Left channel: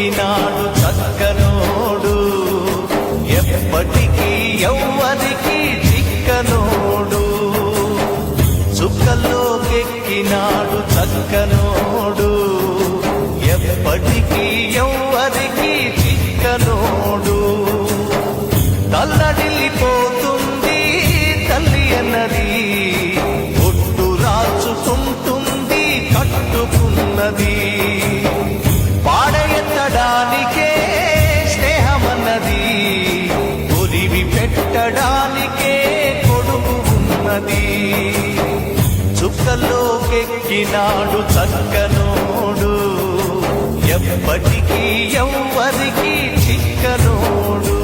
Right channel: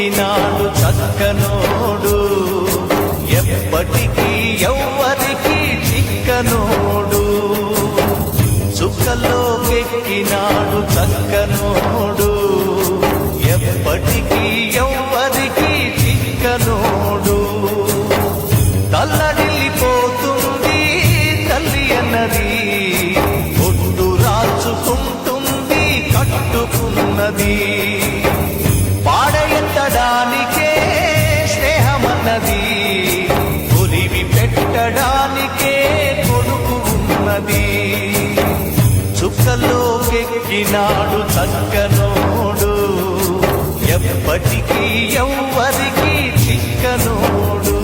చుక్కలోకెక్కినాడు చక్కనోడు, ఎప్పటికీ ఎవ్వరికి చిక్కనోడు. చుక్కలోకెక్కినాడు చక్కనోడు, ఎప్పటికీ ఎవ్వరికి చిక్కనోడు. తల్లడిల్లిపోతుంది తల్లి అన్నది, ఒట్టు రాచుకుంటుంది కట్టుకున్నది. పాడెత్తడానికే స్నేహమన్నది, ఒలివి పెట్టడానికే కొడుకు ఉన్నది. చుక్కలోకెక్కినాడు చక్కనోడు, ఎప్పటికీ ఎవ్వరికి చిక్కనోడు.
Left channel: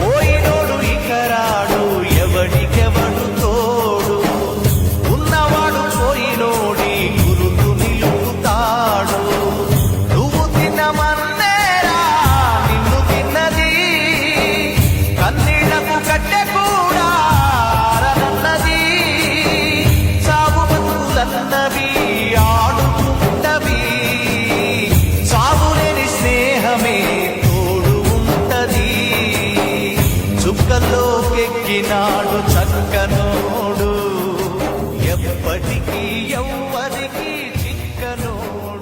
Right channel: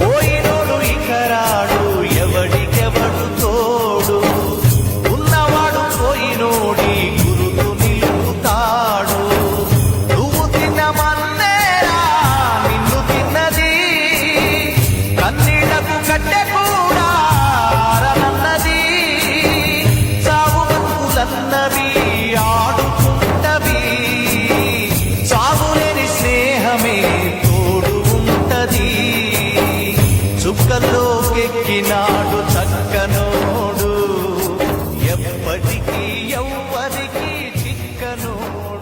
పోయినోడు ఇకరాడు, ఎవడికెవడు తోడు. ఉన్నవాడు పోయినోడి గురుతు నిలుపుతాడు. నువ్వు తిన్నమన్నేరా నిన్ను తిన్నది, కన్నీళ్లకు కట్టె కూడా ఆరనన్నది. చావు బతుకులన్నవి ఆడుకుంటవి, చావులేని స్నేహమే తోడు ఉంటది. చుక్కలోకెక్కినాడు చక్కనోడు, ఎప్పటికీ ఎవ్వరికి చిక్కనోడు.